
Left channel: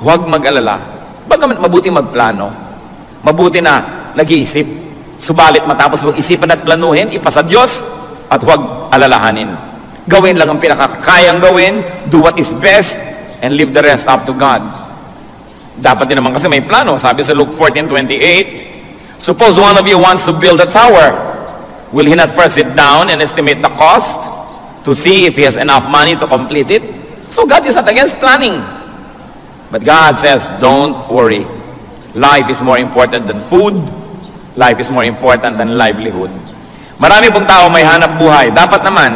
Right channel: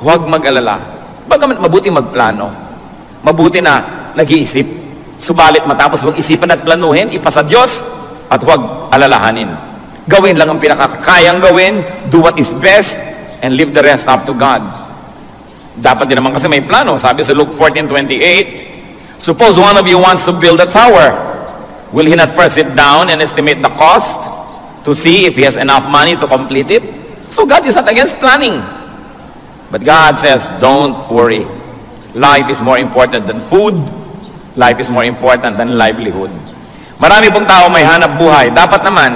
Huwag mag-alala. Bagamat mabuti magplano, mabuti na nag-iisip, subalit matapos mag-isipan at planuhin, ipasa Diyos, at huwag alalahanin. Gawin lang ang pinakakayang gawin, do what is best, and leave the rest up to God. Dapat din naman kasi may plano. Sabi sa Luke 14:28, suppose one of you wants to build a tower. Will he not first sit down and estimate the cost to see if he has enough money to complete it? So God is not against planning. But God says, don't worry. Life is more important than food. Life is more important than livelihood. Marami pong tao may hanap buhay. Dapat naman.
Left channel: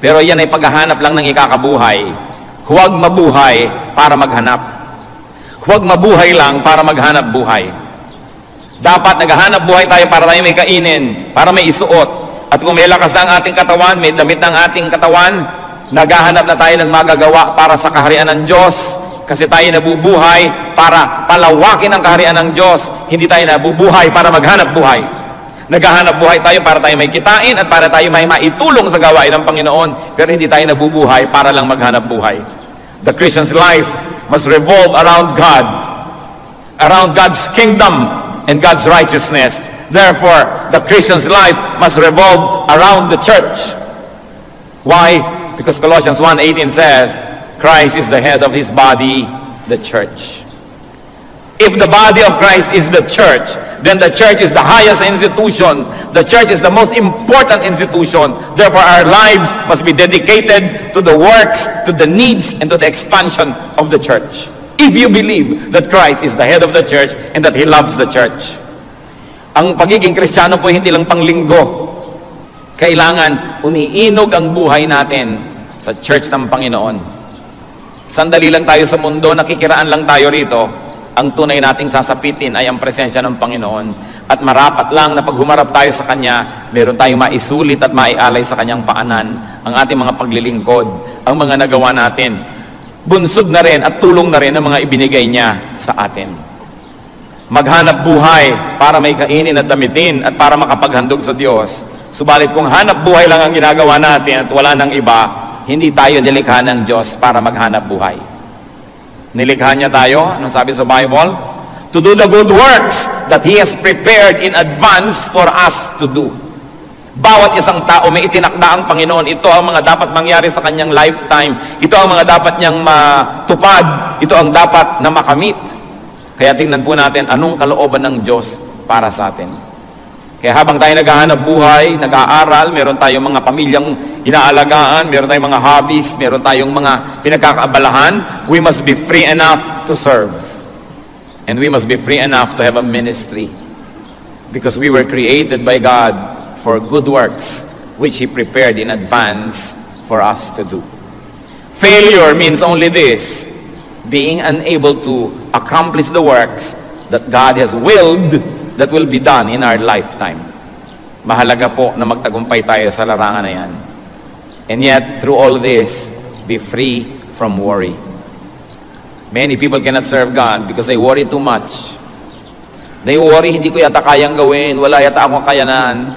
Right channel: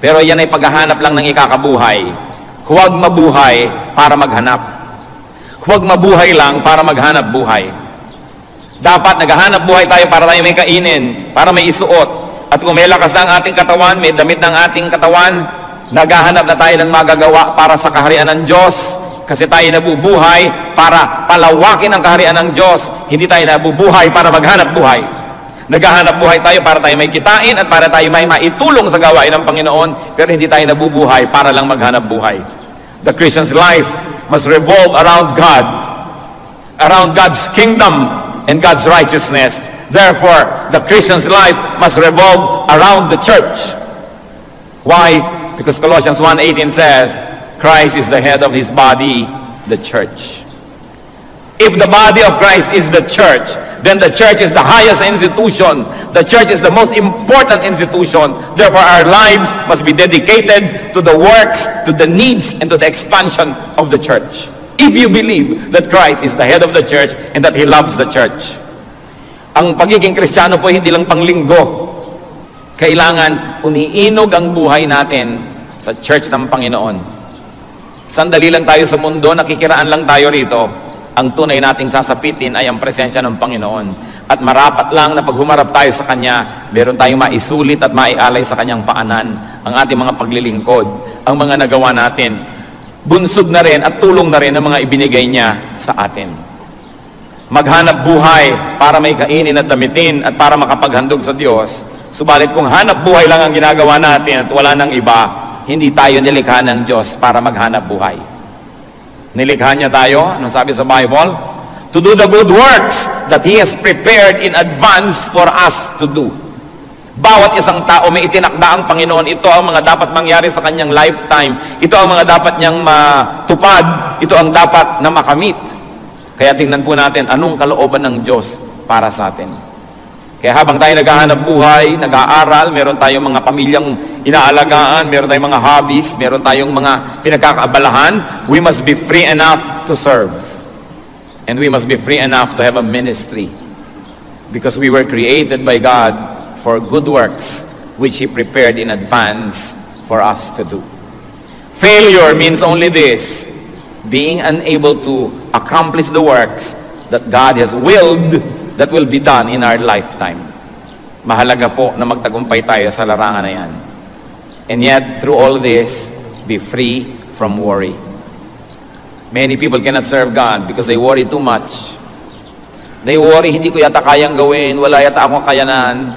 Pero yan ay paghahanap lang ng ikakabuhay. Huwag mabuhay para maghanap. Huwag mabuhay lang para maghanap buhay. Dapat naghahanap buhay tayo para tayo may kainin, para may isuot. At kung may lakas na ang ating katawan, may damit ng ating katawan, naghahanap na tayo ng magagawa para sa kaharian ng Diyos. Kasi tayo nabubuhay para palawakin ang kaharian ng Diyos. Hindi tayo nabubuhay para maghanap buhay. Naghahanap buhay tayo para tayo may kitain at para tayo may maitulong sa gawain ng Panginoon. Pero hindi tayo nabubuhay para lang maghanap buhay. The Christian's life must revolve around God, around God's kingdom and God's righteousness. Therefore, the Christian's life must revolve around the church. Why? Because Colossians 1:18 says, Christ is the head of his body, the church. If the body of Christ is the church, then the church is the highest institution. The church is the most important institution. Therefore, our lives must be dedicated to the works, to the needs, and to the expansion of the church. If you believe that Christ is the head of the church and that He loves the church. Ang pagiging Kristiyano po hindi lang panglinggo. Kailangan umiinog ang buhay natin sa church ng Panginoon. Sandali lang tayo sa mundo, nakikiraan lang tayo rito. Ang tunay nating sasapitin ay ang presensya ng Panginoon. At marapat lang na pag humarap tayo sa Kanya, meron tayong maisulit at maialay sa Kanyang paanan ang ating mga paglilingkod, ang mga nagawa natin. Bunsod na rin at tulong na rin ang mga ibinigay niya sa atin. Maghanap buhay para may kainin at damitin at para makapaghandog sa Diyos. Subalit kung hanap buhay lang ang ginagawa natin at wala nang iba, hindi tayo nilikha ng Diyos para maghanap buhay. Nilikha niya tayo, ano sabi sa Bible? To do the good works that He has prepared in advance for us to do. Bawat isang tao may itinakda ang Panginoon. Ito ang mga dapat mangyari sa kanyang lifetime. Ito ang mga dapat niyang matupad. Ito ang dapat na makamit. Kaya tingnan po natin anong kalooban ng Diyos para sa atin. Kaya habang tayo naghahanap buhay, nag-aaral, meron tayong mga pamilyang inaalagaan, meron tayong mga hobbies, meron tayong mga pinagkakaabalahan, we must be free enough to serve. And we must be free enough to have a ministry. Because we were created by God for good works, which He prepared in advance for us to do. Failure means only this, being unable to accomplish the works that God has willed that will be done in our lifetime. Mahalaga po na magtagumpay tayo sa larangan na yan. And yet, through all this, be free from worry. Many people cannot serve God because they worry too much. They worry, hindi ko yata kayang gawin, wala yata akong kayanan,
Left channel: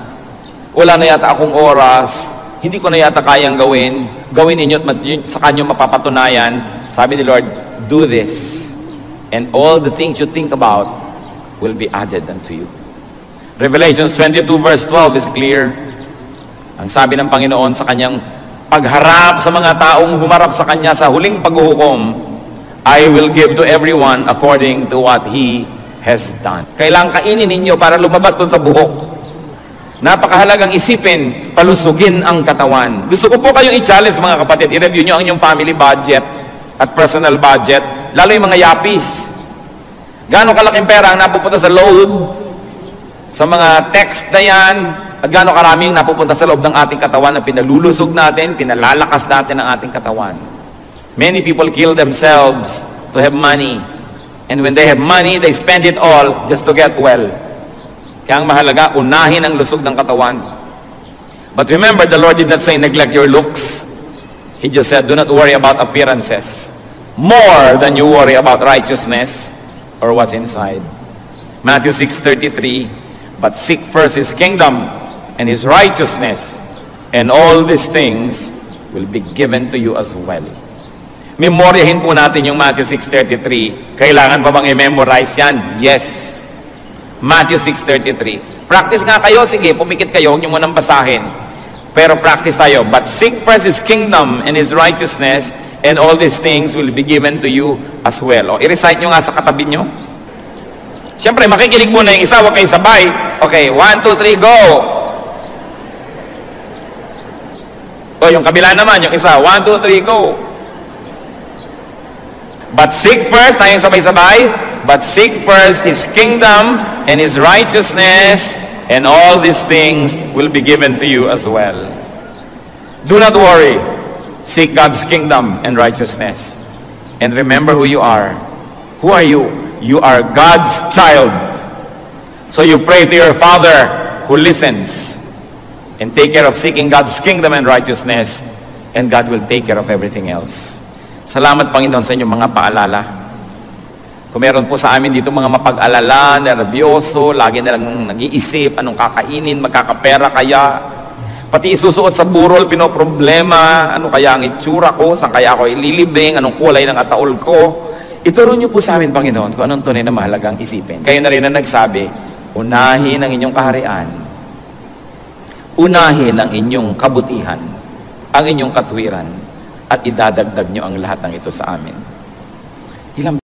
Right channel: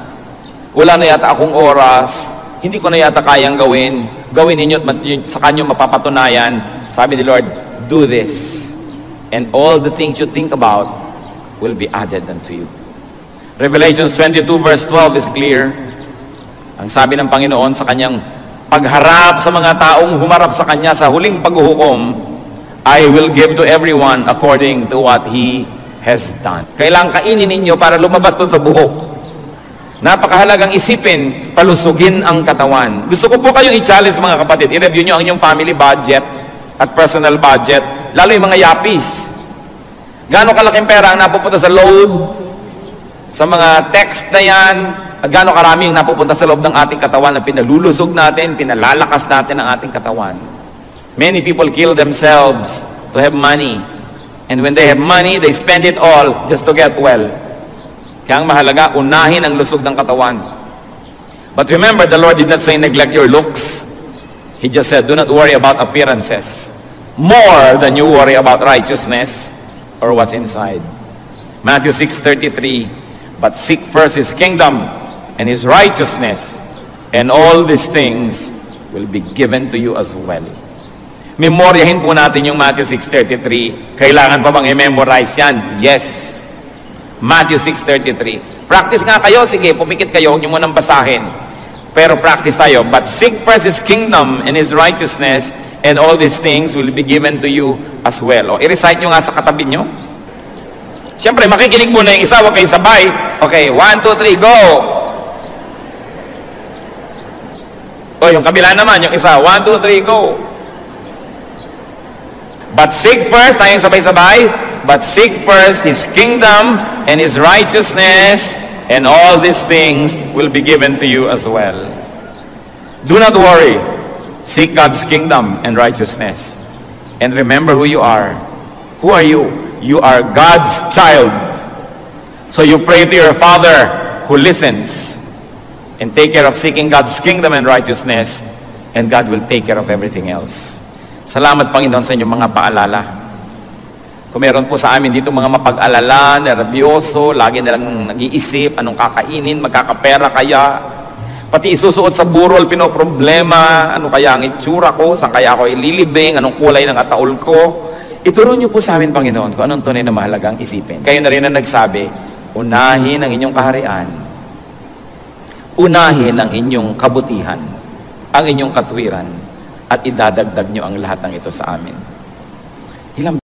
wala na yata akong oras, hindi ko na yata kayang gawin. Gawin ninyo at sa kanyo mapapatunayan. Sabi ni Lord, do this. And all the things you think about will be added unto you. Revelations 22 verse 12 is clear. Ang sabi ng Panginoon sa kanyang pagharap sa mga taong humarap sa kanya sa huling paghuhukom, I will give to everyone according to what he has done. Kailangan kainin ninyo para lumabas doon sa buhok. Napakahalagang isipin, palusugin ang katawan. Gusto ko po kayong i-challenge mga kapatid, i-review nyo ang inyong family budget at personal budget, lalo yung mga yapis. Gaano kalaking pera ang napupunta sa load, sa mga text na yan, at gaano karami yung napupunta sa loob ng ating katawan na pinalulusog natin, pinalalakas natin ang ating katawan. Many people kill themselves to have money. And when they have money, they spend it all just to get well. Kaya ang mahalaga, unahin ang lusog ng katawan. But remember, the Lord did not say neglect your looks. He just said, do not worry about appearances more than you worry about righteousness or what's inside. Matthew 6:33, but seek first His kingdom and His righteousness, and all these things will be given to you as well. Memoryahin po natin yung Matthew 6:33. Kailangan pa bang i-memorize yan? Yes. Matthew 6:33. Practice nga kayo, sige, pumikit kayo, huwag niyo munang basahin. Pero practice tayo. But seek first His kingdom and His righteousness, and all these things will be given to you as well. O, i-recite nyo nga sa katabi nyo. Siyempre, makikinig muna yung isa, huwag kayong sabay. Okay, 1, 2, 3, go! O, yung kabila naman, yung isa, 1, 2, 3, go! But seek first, tayong sabay-sabay, but seek first His kingdom and His righteousness, and all these things will be given to you as well. Do not worry. Seek God's kingdom and righteousness. And remember who you are. Who are you? You are God's child. So you pray to your Father who listens, and take care of seeking God's kingdom and righteousness, and God will take care of everything else. Salamat, Panginoon, sa inyong mga paalala. Kung meron po sa amin dito mga mapag-alala, nervyoso, lagi na lang nag-iisip, anong kakainin, magkakapera kaya, pati isusuot sa burol, pinoproblema, ano kaya ang itsura ko, saan kaya ako ililibing, anong kulay ng ataol ko. Ituro niyo po sa amin, Panginoon, kung anong tunay na mahalagang isipin. Kayo na rin ang nagsabi, unahin ang inyong kaharian, unahin ang inyong kabutihan, ang inyong katwiran, at idadagdag nyo ang lahat ng ito sa amin. Ilang